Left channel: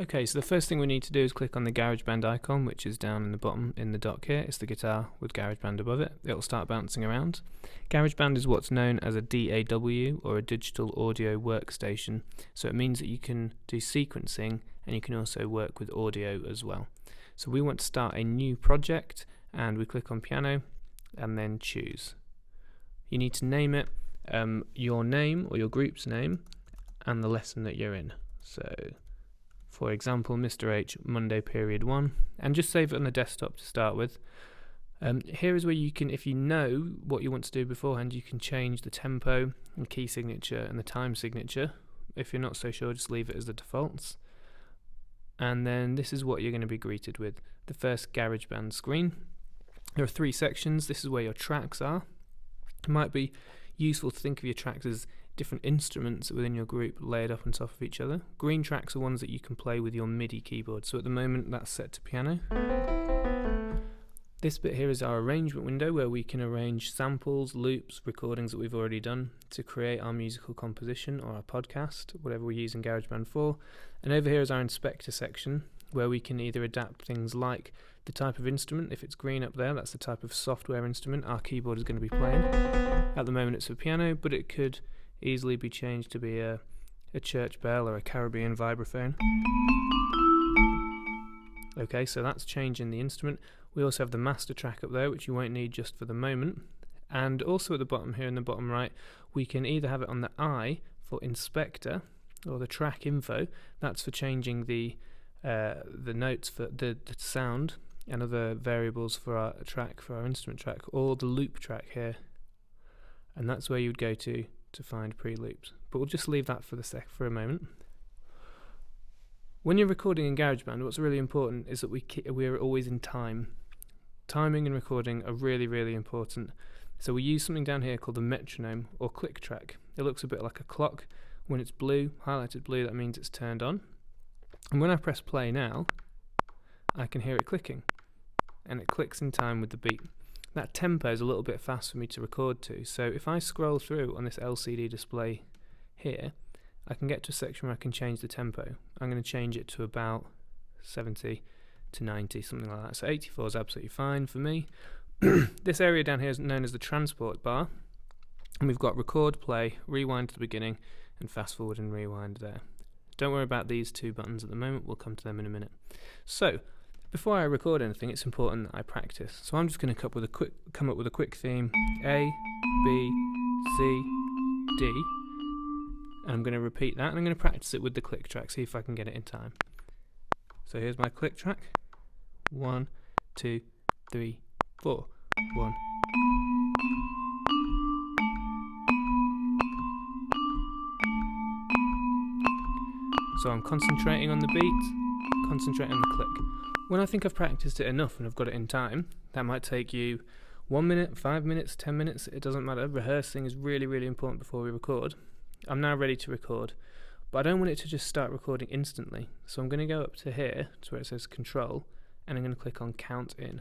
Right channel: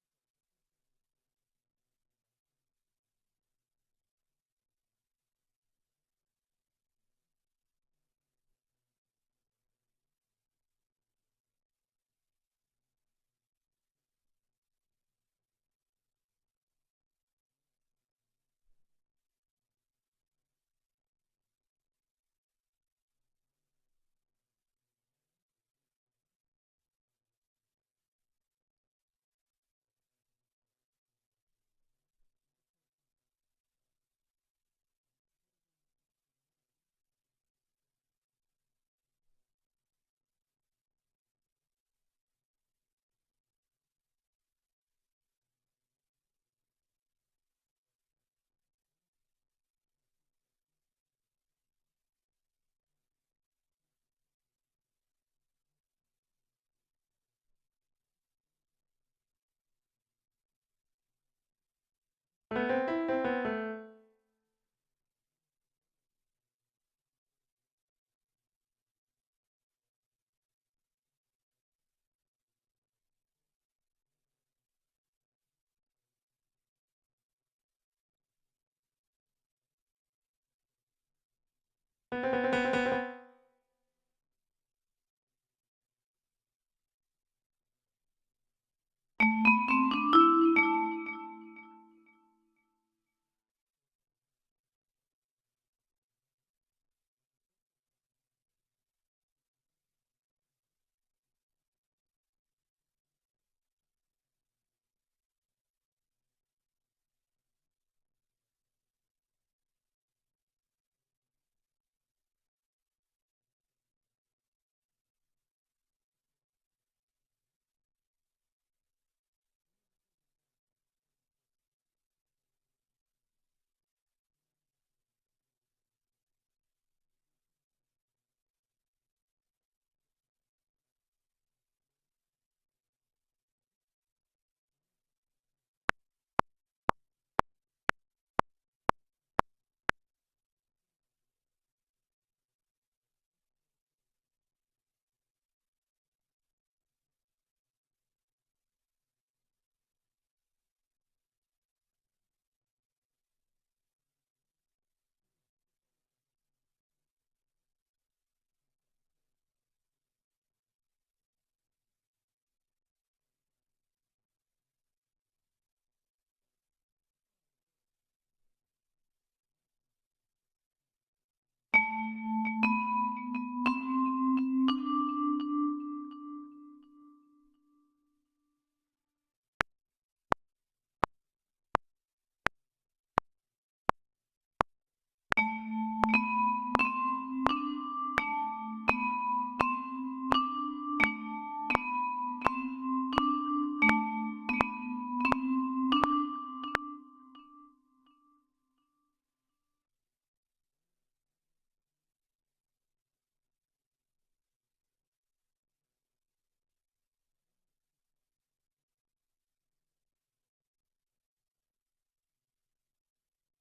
Okay, so the first thing we need to do is click on the Garageband icon, which is down in the bottom in the dock here. It's the guitar with Garageband above it. It'll start bouncing around. Garageband is what's known as a DAW, or a digital audio workstation. So it means that you can do sequencing and you can also work with audio as well. So we want to start a new project, and we click on piano and then choose. You need to name it your name or your group's name and the lesson that you're in. So for example, Mr. H, Monday period 1, and just save it on the desktop to start with. Here is where you can, if you know what you want to do beforehand, you can change the tempo and key signature and the time signature. If you're not so sure, just leave it as the defaults. And then this is what you're going to be greeted with. The first Garageband screen. There are 3 sections. This is where your tracks are. It might be useful to think of your tracks as different instruments within your group layered up on top of each other. Green tracks are ones that you can play with your MIDI keyboard. So at the moment that's set to piano. This bit here is our arrangement window, where we can arrange samples, loops, recordings that we've already done to create our musical composition or our podcast, whatever we're using Garageband for. And over here is our inspector section, where we can either adapt things like the type of instrument. If it's green up there, that's the type of software instrument our keyboard is going to be playing. At the moment it's for piano, but it could easily be changed to be a church bell or a Caribbean vibraphone. Okay, so that's changing the instrument. We also have the master track up there, which you won't need just for the moment. And also at the bottom here in the bottom right, we can either have it on the I for inspector, or the track info. That's for changing the notes for the sound and other variables for our track, for our instrument track, or the loop track here. And that's where you'd go to find pre-loops. But we'll just leave that for a moment. When you're recording in GarageBand, what's really important is that we're always in time. Timing and recording are really, really important. So we use something down here called the metronome or click track. It looks a bit like a clock. When it's blue, highlighted blue, that means it's turned on. And when I press play now, I can hear it clicking. And it clicks in time with the beat. That tempo is a little bit fast for me to record to. So if I scroll through on this LCD display here, I can get to a section where I can change the tempo. I'm going to change it to about 70 to 90, something like that. So 84 is absolutely fine for me. This area down here is known as the transport bar. And we've got record, play, rewind to the beginning, and fast forward and rewind there. Don't worry about these 2 buttons at the moment. We'll come to them in a minute. So before I record anything, it's important that I practice. So I'm just going to come up with a quick theme. A, B, C, D. And I'm going to repeat that, and I'm going to practice it with the click track, see if I can get it in time. So here's my click track. 1, 2, 3, 4. 1. So I'm concentrating on the beat, concentrating on the click. When I think I've practiced it enough and I've got it in time, that might take you 1 minute, 5 minutes, 10 minutes, it doesn't matter. Rehearsing is really, really important before we record. I'm now ready to record, but I don't want it to just start recording instantly. So I'm going to go up to here, to where it says control, and I'm going to click on count in.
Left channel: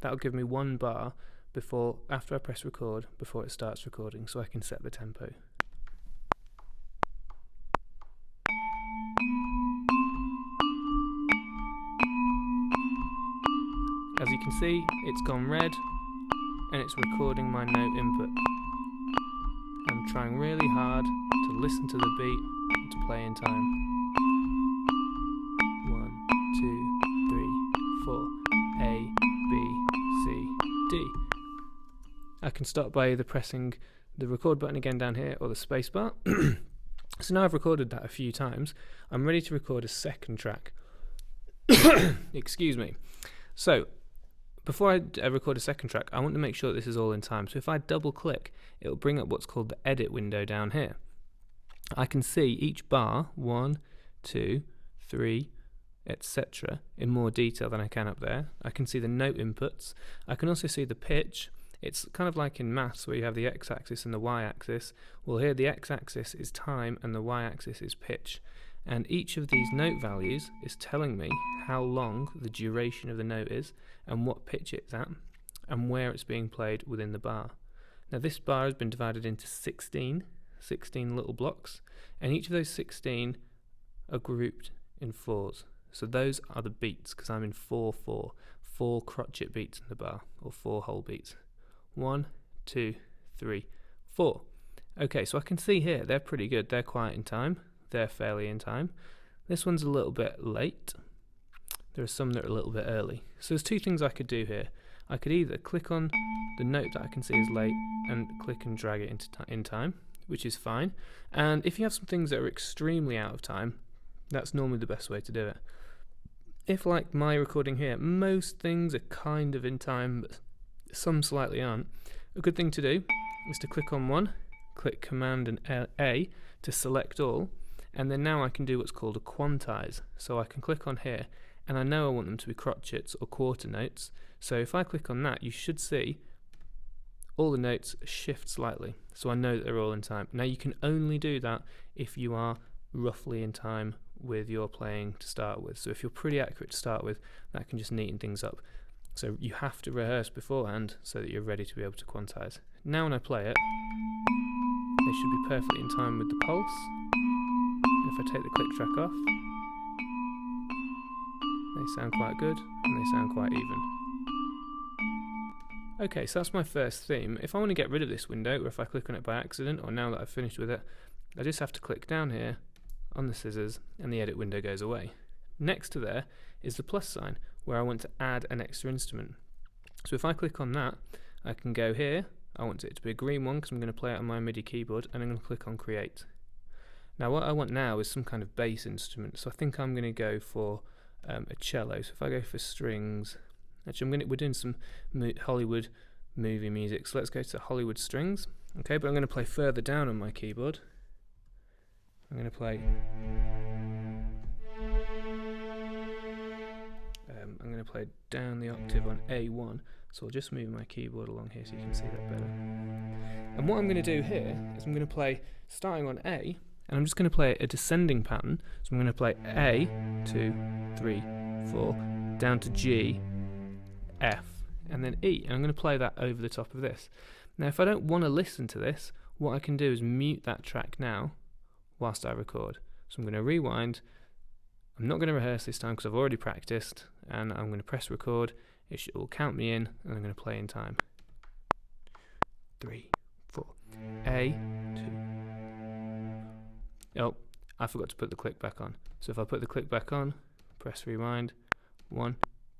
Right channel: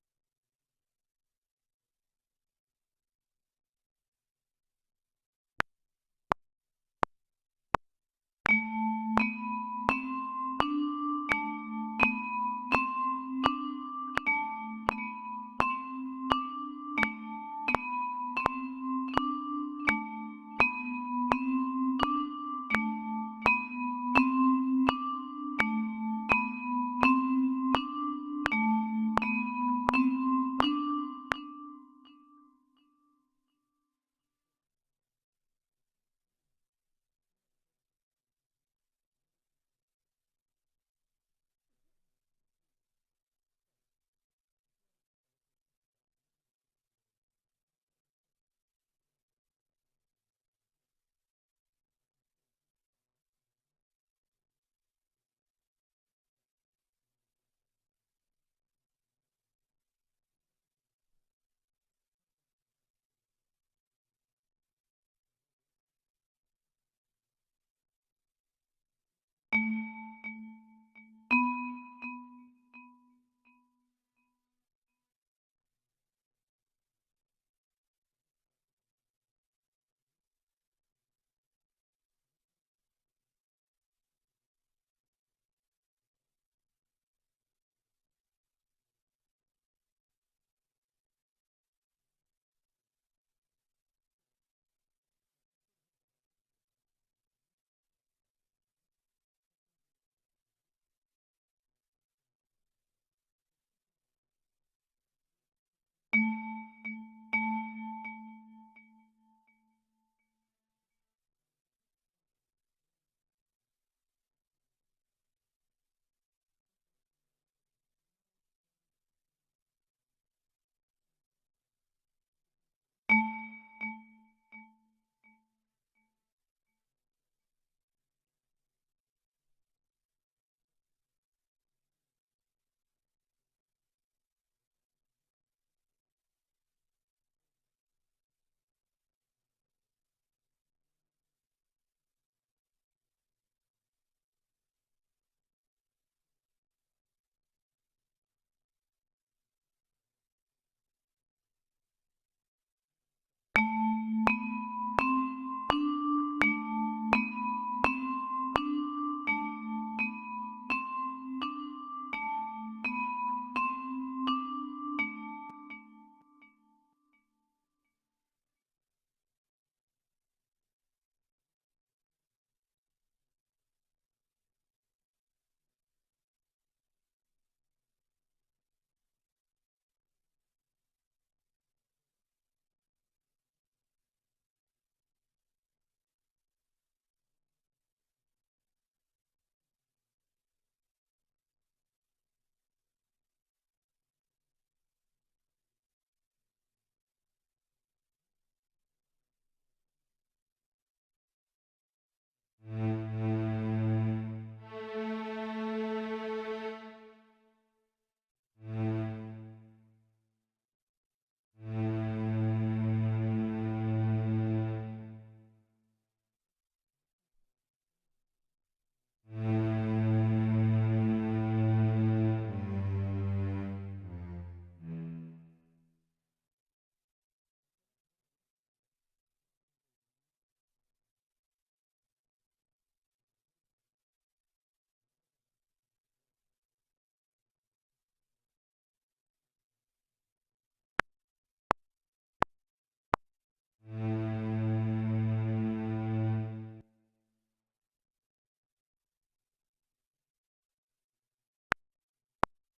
That'll give me 1 bar after I press record, before it starts recording, so I can set the tempo. As you can see, it's gone red, and it's recording my note input. I'm trying really hard to listen to the beat and to play in time. 1, 2, 3, 4. A, B, C, D. I can start by either pressing the record button again down here or the space bar. So now I've recorded that a few times, I'm ready to record a second track. Excuse me. So before I record a second track, I want to make sure that this is all in time. So if I double click, it will bring up what's called the edit window down here. I can see each bar, 1, 2, 3, etc. in more detail than I can up there. I can see the note inputs. I can also see the pitch. It's kind of like in maths where you have the x-axis and the y-axis. Well, here the x-axis is time and the y-axis is pitch. And each of these note values is telling me how long the duration of the note is and what pitch it's at and where it's being played within the bar. Now this bar has been divided into 16 little blocks, and each of those 16 are grouped in 4s. So those are the beats, because I'm in 4/4, 4 crotchet beats in the bar, or 4 whole beats. 1, 2, 3, 4. Okay, so I can see here they're pretty good. They're quite in time. They're fairly in time. This one's a little bit late. There are some that are a little bit early. So there's two things I could do here. I could either click on the note that I can see is late and click and drag it into in time, which is fine. And if you have some things that are extremely out of time, that's normally the best way to do it. If, like my recording here, most things are kind of in time, but some slightly aren't, a good thing to do is to click on one, click Command and A to select all, and then now I can do what's called a quantize. So I can click on here, and I know I want them to be crotchets or quarter notes. So if I click on that, you should see all the notes shift slightly, so I know that they're all in time. Now you can only do that if you are roughly in time with your playing to start with. So if you're pretty accurate to start with, that can just neaten things up. So you have to rehearse beforehand so that you're ready to be able to quantize. Now when I play it, they should be perfectly in time with the pulse. And if I take the click track off, they sound quite good and they sound quite even. Okay, so that's my first theme. If I want to get rid of this window, or if I click on it by accident, or now that I've finished with it, I just have to click down here on the scissors and the edit window goes away. Next to there is the plus sign where I want to add an extra instrument. So if I click on that, I can go here. I want it to be a green one because I'm going to play it on my MIDI keyboard, and I'm going to click on create. Now what I want now is some kind of bass instrument, so I think I'm going to go for a cello. So if I go for strings, actually we're doing some Hollywood movie music, so let's go to Hollywood strings. Okay, but I'm going to play further down on my keyboard. I'm going to play down the octave on A1, so I'll just move my keyboard along here so you can see that better. And what I'm going to do here is I'm going to play starting on A, and I'm just going to play a descending pattern. So I'm going to play A, 2, 3, 4, down to G, F, and then E, and I'm going to play that over the top of this. Now if I don't want to listen to this, what I can do is mute that track now whilst I record. So I'm going to rewind. I'm not going to rehearse this time because I've already practiced, and I'm going to press record. It will count me in, and I'm going to play in time. 3, 4, A, 2. Oh, I forgot to put the click back on. So if I put the click back on, press rewind. 1,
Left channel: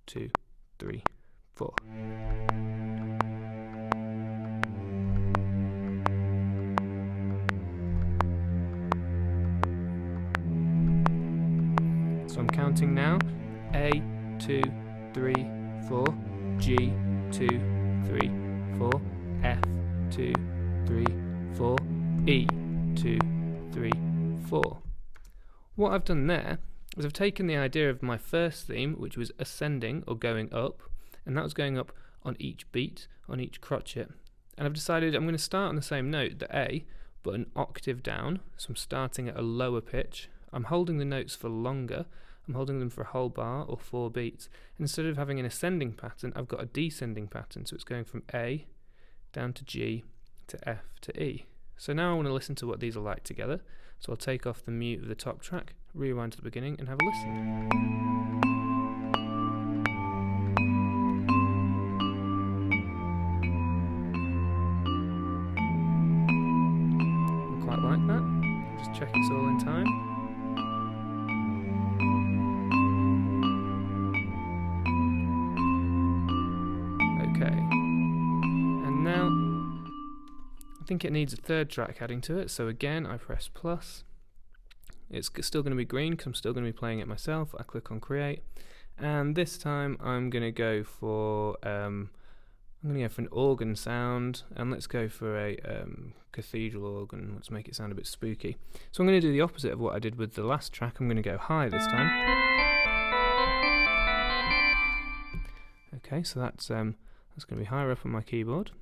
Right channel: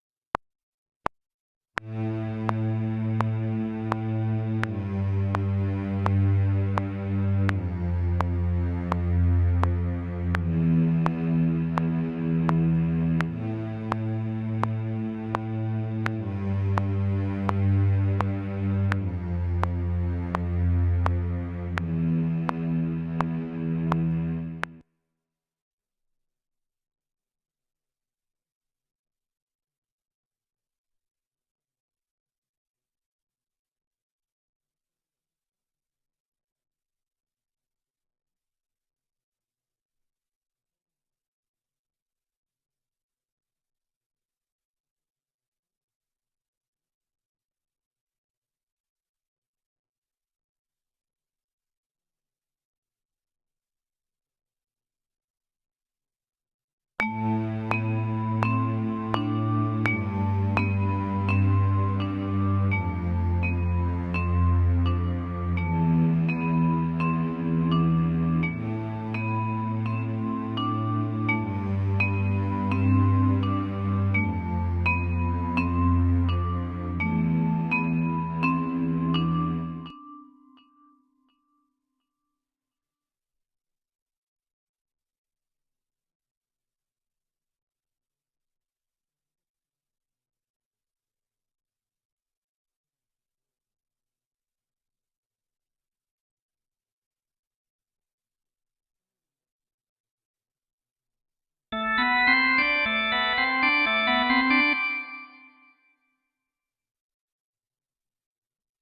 2, 3, 4. So I'm counting now. A, 2, 3, 4. G, 2, 3, 4. F, 2, 3, 4. E, 2, 3, 4. What I've done there is I've taken the idea of my first theme, which was ascending or going up, and that was going up on each beat, on each crotchet, and I've decided I'm going to start on the same note, the A, but an octave down. So I'm starting at a lower pitch. I'm holding the notes for longer. I'm holding them for a whole bar or 4 beats. And instead of having an ascending pattern, I've got a descending pattern, so it's going from A down to G to F to E. So now I want to listen to what these are like together. So I'll take off the mute of the top track, rewind to the beginning, and have a listen. Quite like that. Just check it's all in time. Okay. And now I think it needs a third track adding to it, so again I press plus. It's still going to be green because I'm still going to be playing it myself. I click on create, and this time I'm going to go for an organ sound, and let's go for a cathedral organ. Let's make it sound a bit spooky. So I'm going to do the opposite of what I did with the last track. I'm going to go high this time. Okay, so that's going to be higher up on my keyboard.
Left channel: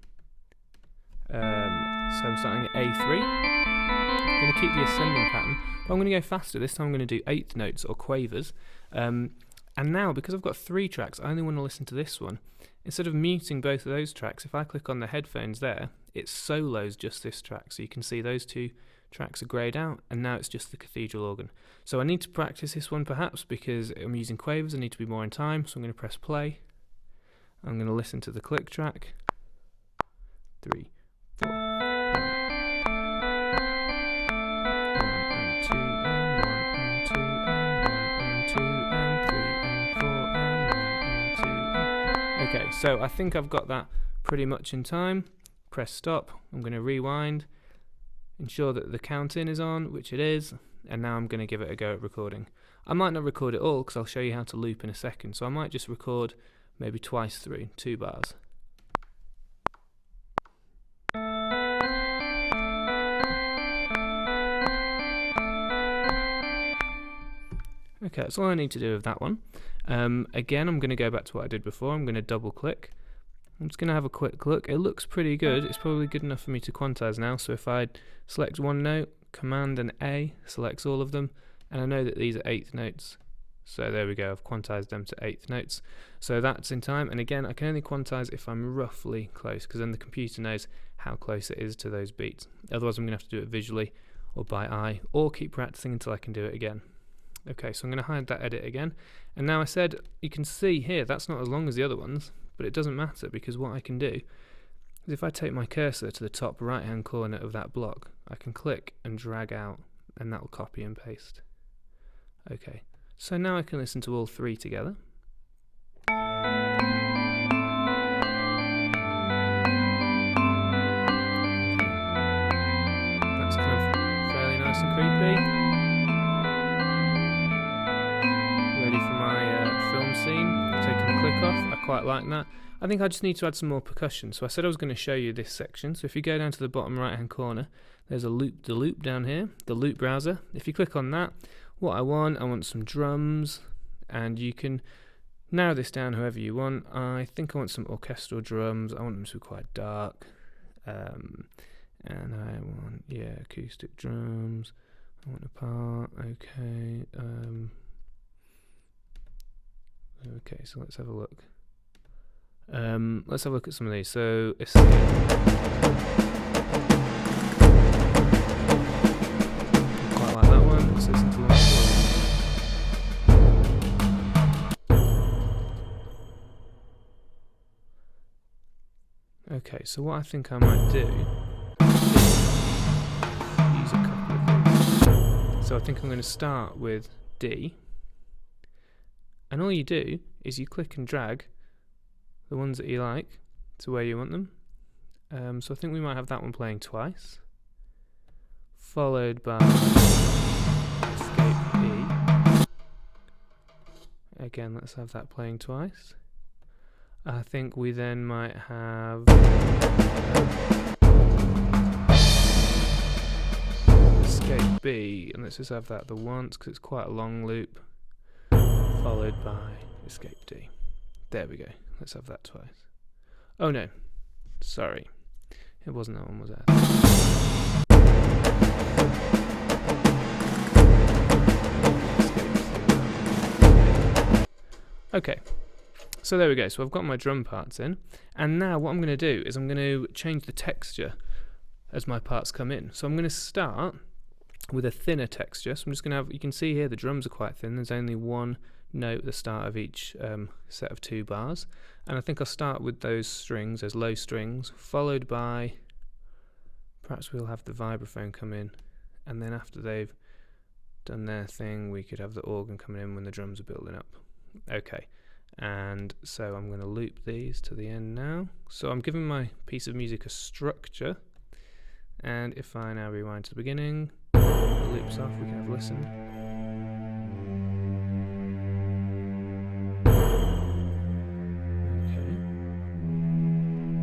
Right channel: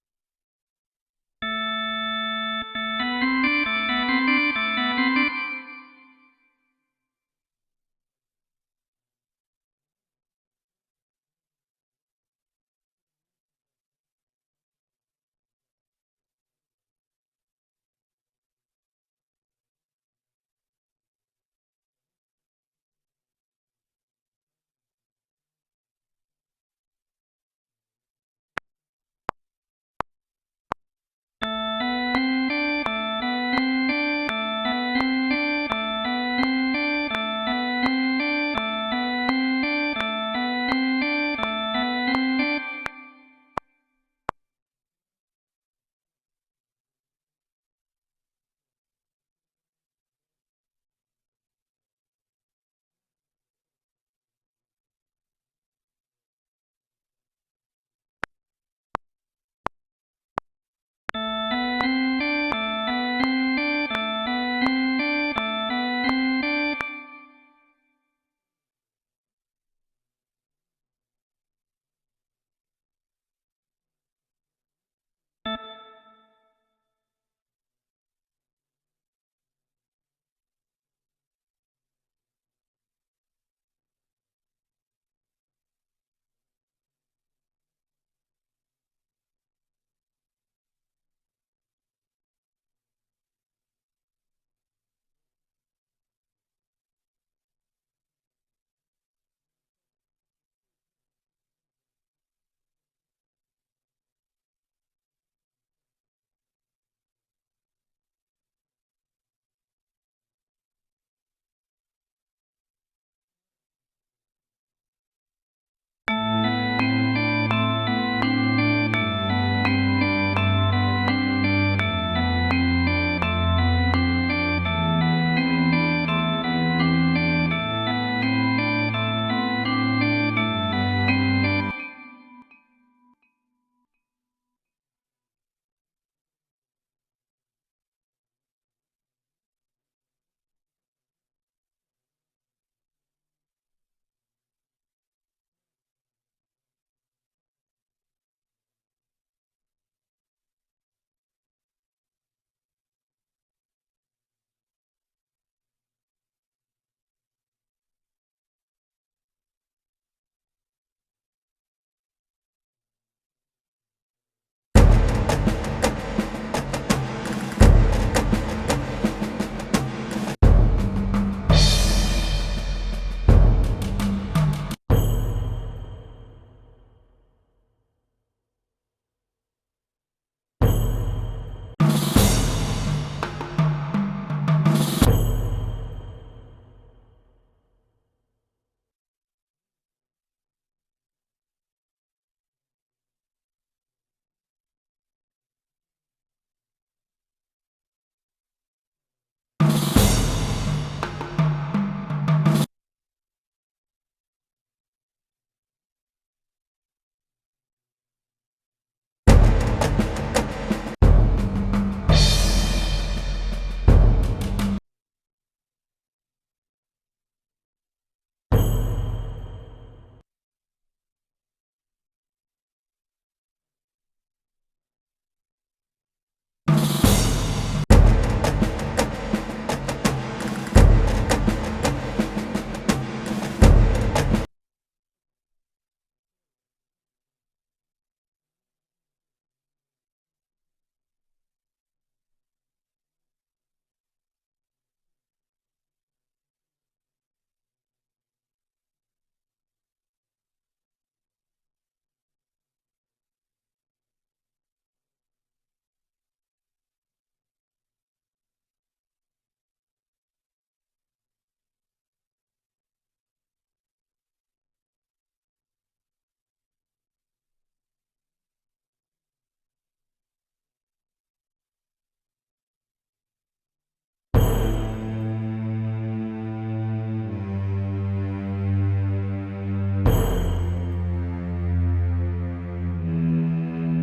So I'm starting at A3. I'm going to keep the ascending pattern, but I'm going to go faster. This time I'm going to do 8th notes or quavers. And now, because I've got 3 tracks, I only want to listen to this one. Instead of muting both of those tracks, if I click on the headphones there, it solos just this track. So you can see those 2 tracks are greyed out, and now it's just the cathedral organ. So I need to practice this one perhaps because I'm using quavers, I need to be more in time, so I'm going to press play. I'm going to listen to the click track. 3, 4. 1 and 2 and 1 and 2 and 3 and 4 and 1 and 2 and 3 and 4 and 1 and 2. Okay, so I think I've got that pretty much in time. Press stop. I'm going to rewind. Ensure that the count in is on, which it is, and now I'm going to give it a go at recording. I might not record it all because I'll show you how to loop in a second, so I might just record maybe twice through, 2 bars. Okay, that's all I need to do with that one. Again, I'm going to go back to what I did before. I'm going to double click. I'm just going to have a quick look. It looks pretty good. It's probably good enough for me to quantize now. So if I select one note, Command and A selects all of them, and I know that these are 8th notes. So there we go, I've quantized them to 8th notes. So that's in time, and again, I can only quantize if I'm roughly close, because then the computer knows how close it is to those beats. Otherwise, I'm going to have to do it visually, or by eye, or keep practicing until I can do it again. Okay, so I'm going to hide that edit again. And now I said, you can see here, that's not as long as the other ones, but it doesn't matter, because what I can do is if I take my cursor to the top right-hand corner of that block, I can click and drag out, and that will copy and paste. Okay, so now I can listen to all 3 together. That's kind of fairly nice and creepy. Ready for my film scene. Taking the click off. I quite like that. I think I just need to add some more percussion. So I said I was going to show you this section. So if you go down to the bottom right-hand corner, there's the loop down here, the loop browser. If you click on that, what I want some drums, and you can narrow this down however you want. I think I want some orchestral drums. I want them to be quite dark, and I want acoustic drums. I want a part. Okay. Okay. So let's have a look. Let's have a look at some of these. So okay, so what I think I might do so I think I'm going to start with D, and all you do is you click and drag the ones that you like to where you want them. So I think we might have that one playing twice, followed by escape B. Again, let's have that playing twice. I think we then might have escape B, and let's just have that the once because it's quite a long loop, followed by escape D. There we go. Let's have that twice. Oh no, sorry, it wasn't that one, was it? Okay. So there we go, so I've got my drum parts in, and now what I'm going to do is I'm going to change the texture as my parts come in. So I'm going to start with a thinner texture, so I'm just going to have, you can see here the drums are quite thin, there's only one note at the start of each set of 2 bars, and I think I'll start with those strings, those low strings, followed by, perhaps we'll have the vibraphone come in, and then after they've done their thing we could have the organ coming in when the drums are building up. Okay. And so I'm going to loop these to the end now. So I'm giving my piece of music a structure, and if I now rewind to the beginning, it loops off, we can have a listen.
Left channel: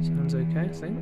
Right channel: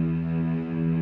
Sounds okay, I think.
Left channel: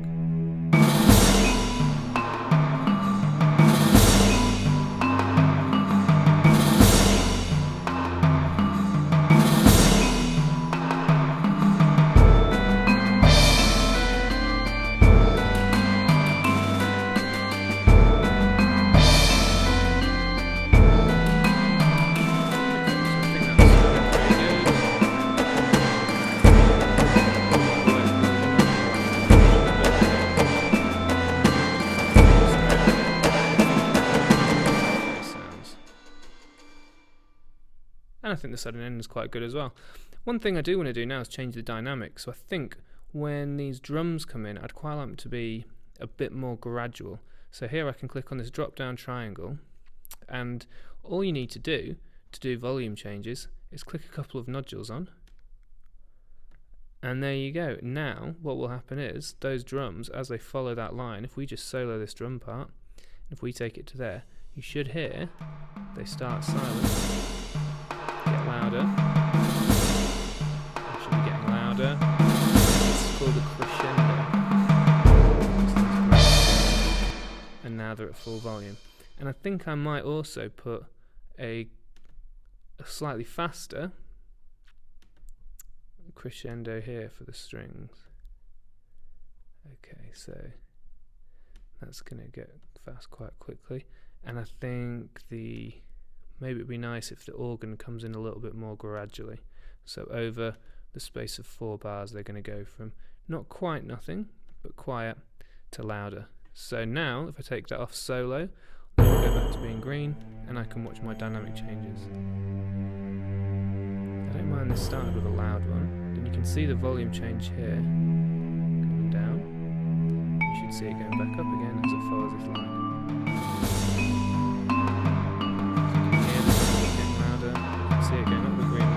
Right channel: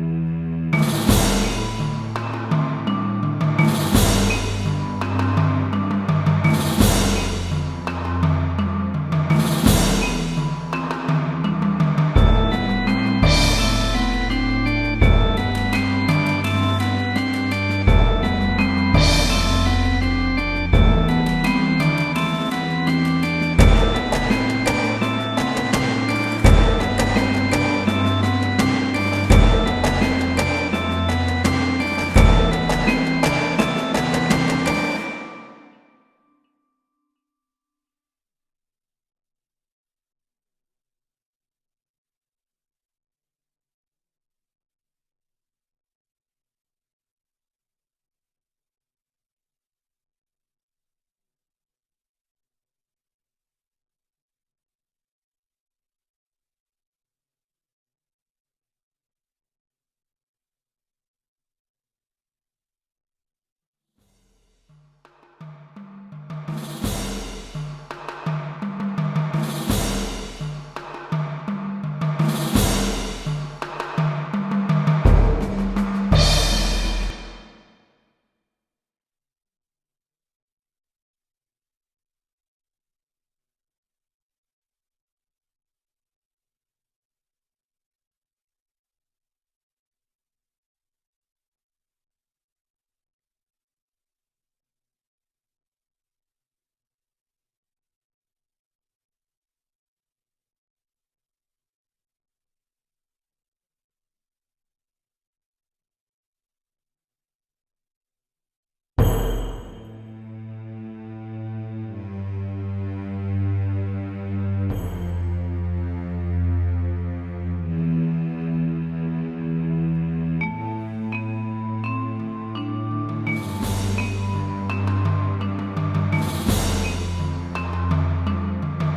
think the sudden end is quite good as well. One thing I do want to do now is change the dynamics. So I think when these drums come in, I'd quite like them to be a bit more gradual. So here I can click on this drop down triangle, and all you need to do volume changes is click a couple of nodules on, and there you go. Now what will happen is those drums, as they follow that line, if we just solo this drum part, if we take it to there, you should hear they start slowly, get louder, should be getting louder. It's called a crescendo, and now they're at full volume. And I think I might also put a slightly faster crescendo here for the strings. Okay, so that's going to get fast quite quickly, and I think maybe it'd be nice if the organ comes in a little bit more gradually. So over the space of 4 bars, they're going to go from not quite nothing, but quiet to louder. So now, if I take that off solo, I'll go back to being green, and I can watch my dynamic changes. I don't mind this starting with a loud one, and you can see the volume change here, and down. You should see it going back up again as it follows this line. See it going up the green.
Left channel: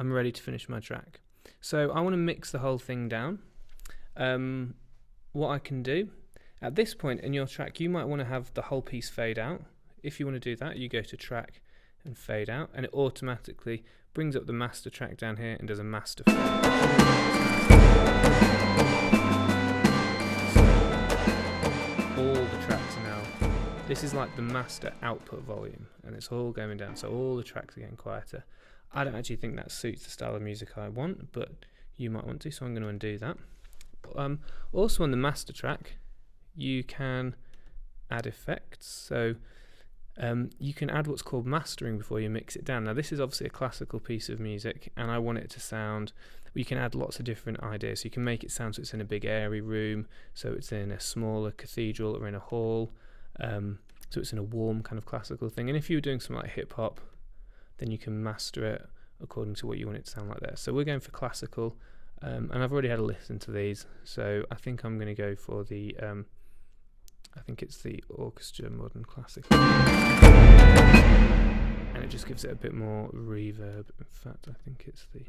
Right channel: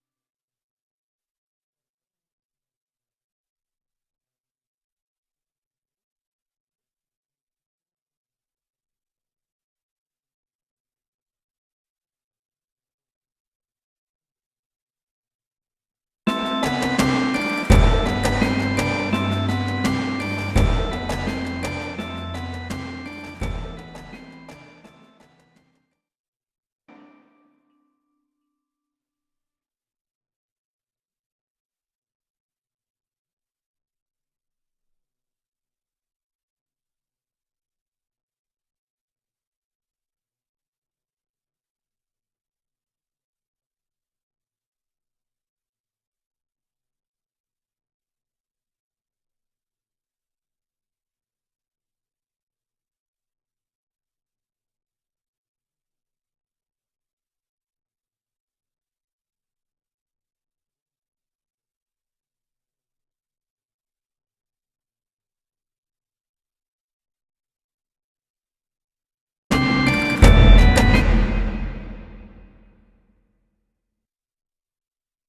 I'm ready to finish my track. So I want to mix the whole thing down. What I can do, at this point in your track, you might want to have the whole piece fade out. If you want to do that, you go to track and fade out, and it automatically brings up the master track down here and does a master fade. All the tracks now, this is like the master output volume, and it's all going down, so all the tracks are getting quieter. I don't actually think that suits the style of music I want, but you might want to, so I'm going to undo that. Also on the master track, you can add effects. So you can add what's called mastering before you mix it down. Now this is obviously a classical piece of music, and I want it to sound, you can add lots of different ideas. So you can make it sound so it's in a big airy room, so it's in a smaller cathedral or in a hall, so it's in a warm kind of classical thing. And if you were doing something like hip hop, then you can master it according to what you want it to sound like there. So we're going for classical, and I've already had a listen to these, so I think I'm going to go for the, I think it's the orchestra modern classical, and it just gives it a bit more reverb. In fact, I think it's the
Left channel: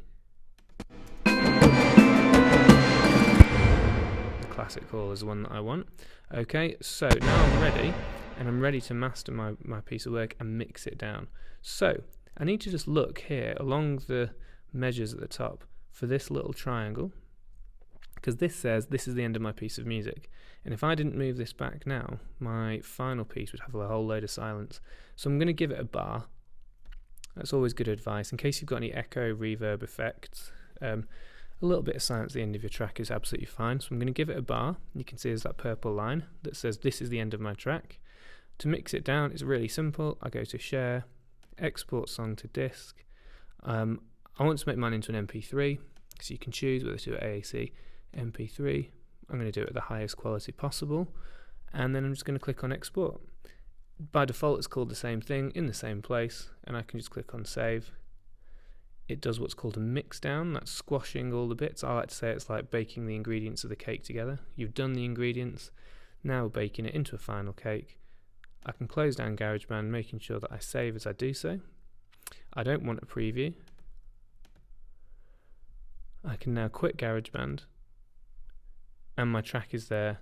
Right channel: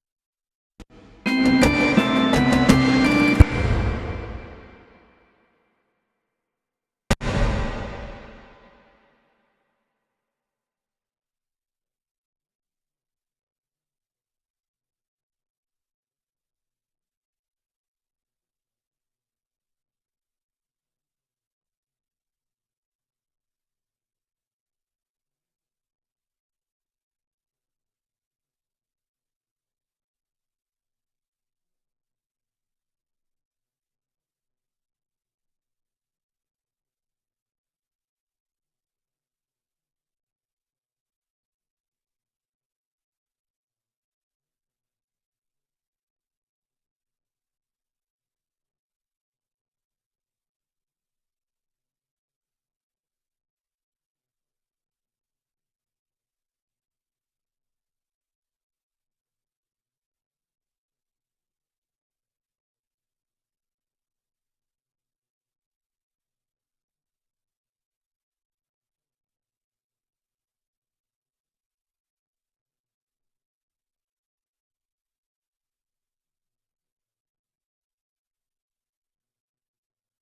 classic hall is the one that I want. Okay, so now I'm ready, and I'm ready to master my piece of work and mix it down. So I need to just look here along the measures at the top for this little triangle, because this says this is the end of my piece of music, and if I didn't move this back now, my final piece would have a whole load of silence. So I'm going to give it a bar. That's always good advice in case you've got any echo, reverb effects. A little bit of silence at the end of your track is absolutely fine, so I'm going to give it a bar. You can see there's that purple line that says this is the end of my track. To mix it down, it's really simple. I go to share, export song to disk. I want to make mine into an MP3, so you can choose whether to do AAC, MP3. I'm going to do it at the highest quality possible, and then I'm just going to click on export. By default it's called the same thing in the same place, and I can just click on save. It does what's called a mix down, that's squashing all the bits. I like to say it's like baking the ingredients of the cake together. You've done the ingredients, now we're baking it into a final cake. I can close down Garageband, making sure that I save as I do so. I don't want a preview. I can now quit Garageband, and my track is there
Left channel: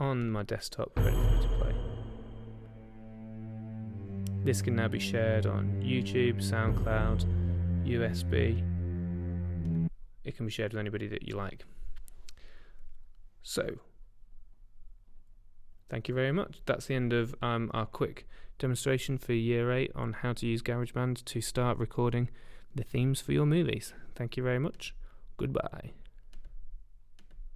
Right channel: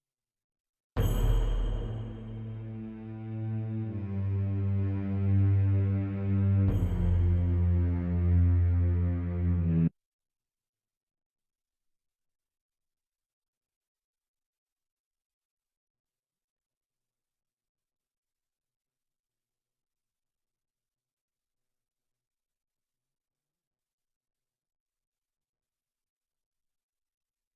on my desktop ready for me to play. This can now be shared on YouTube, SoundCloud, USB. It can be shared with anybody that you like. So, thank you very much. That's the end of our quick demonstration for Year 8 on how to use Garageband to start recording the themes for your movies. Thank you very much. Goodbye.